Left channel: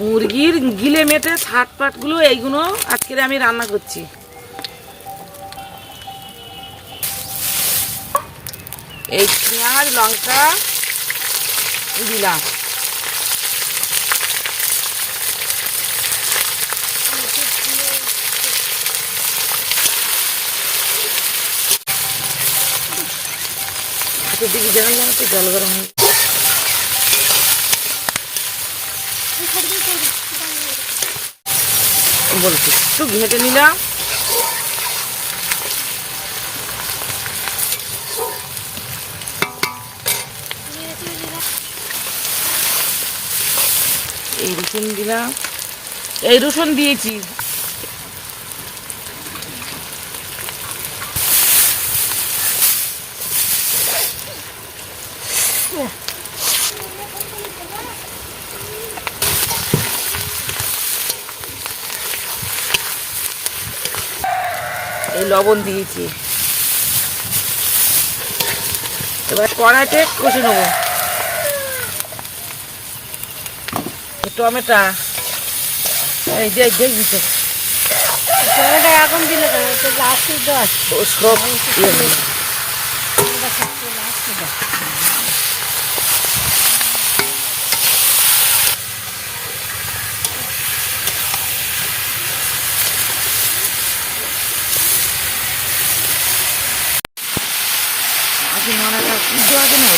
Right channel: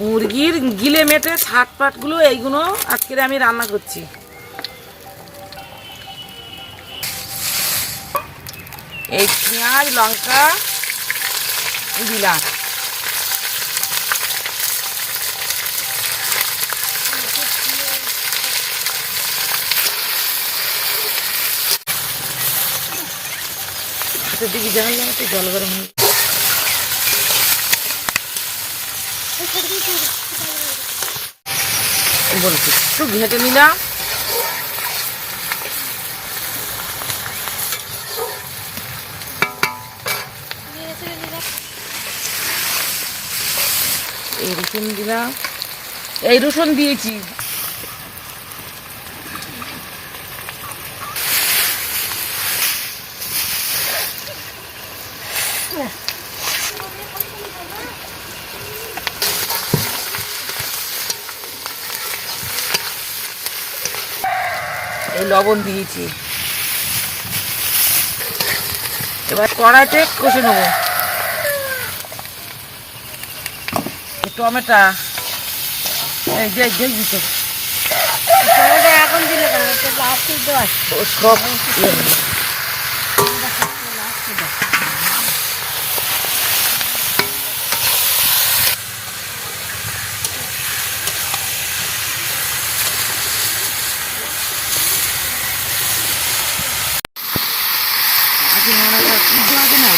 মুরগির গিলে মেটে ছাট পাটগুলো এইগুলো আজকে আমি রান্না করছি। এই পেঁয়াজ লঙ্কা দিলাম, দিকে জানালাম একটু জল গরম হয়ে বলছি একটু ঘেঁটে নিলাম। এই রসুন দিলাম, এই রসুন দিয়েছি। এই লবণ দিয়েছি। এবার কড়াইতে কষে নেবো। টমেটো এই যে দেখবি তো এখন দিলে সব আগে মনে আগে না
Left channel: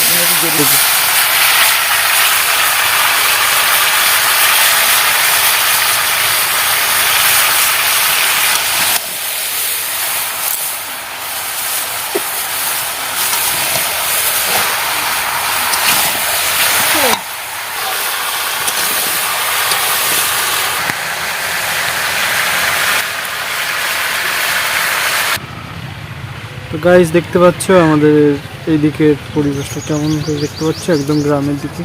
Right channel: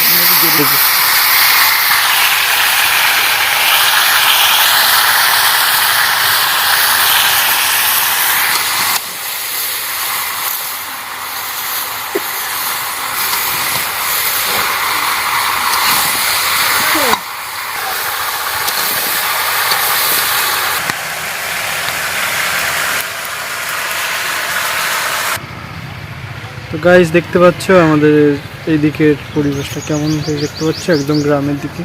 তো গাইস দেখতে পাচ্ছ আমাদের এই দিকের পরিবেশটা কেমন, দেখতে পাচ্ছ একদম গ্রামের দিকে।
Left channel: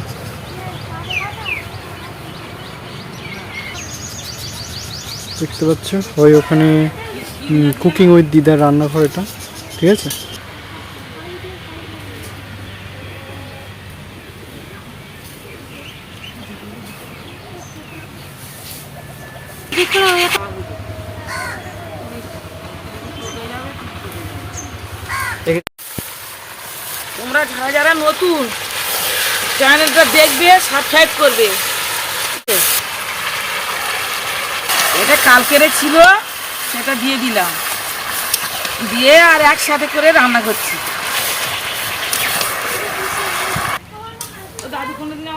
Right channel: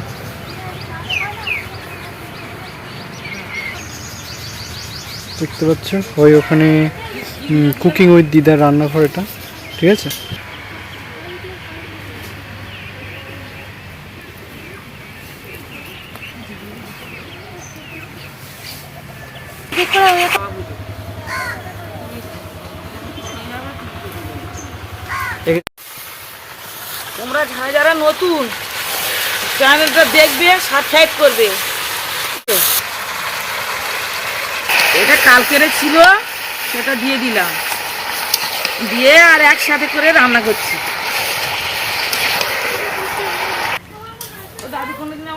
দেখতে পাচ্ছ ওই ওখানে কুকিং উইথ দিদার রান্নাঘর এটা, ঠিক আছে। তোমরা যারা যারা নতুন চ্যানেলটা দেখবে সাবস্ক্রাইব করবে। এটা কালকের ছিল, সেটা দিয়ে দিলাম, দিয়ে আর একসাথে করে রান্না করছি। দাদু কোনোদিন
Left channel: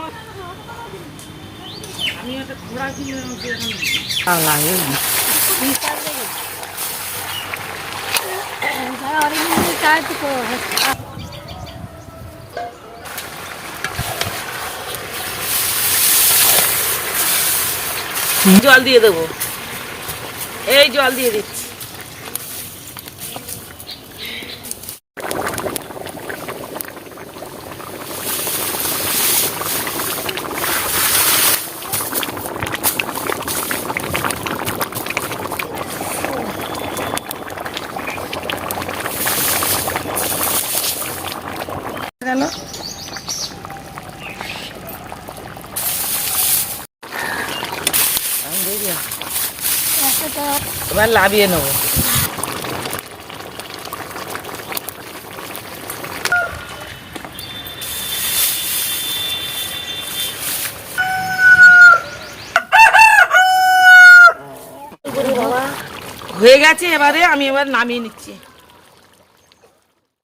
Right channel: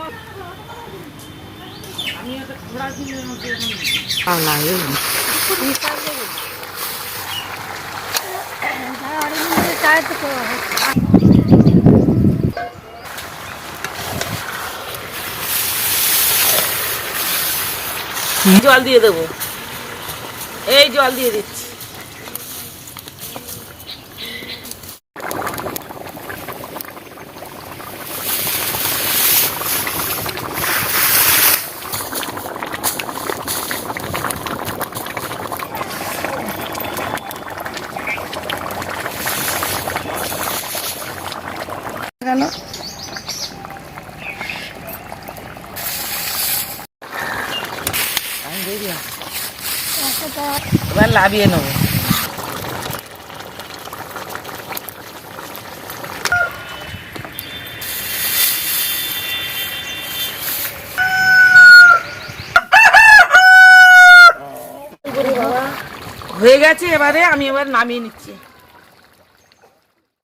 আমি একটা ঘোড়া কিনে জল দিয়ে দেবো। এই জল দিয়ে দিচ্ছি। গেল এবার লাভিয়ে নেবো। হয়ে গেছে, এবারে আমি নামিয়ে নিচ্ছি।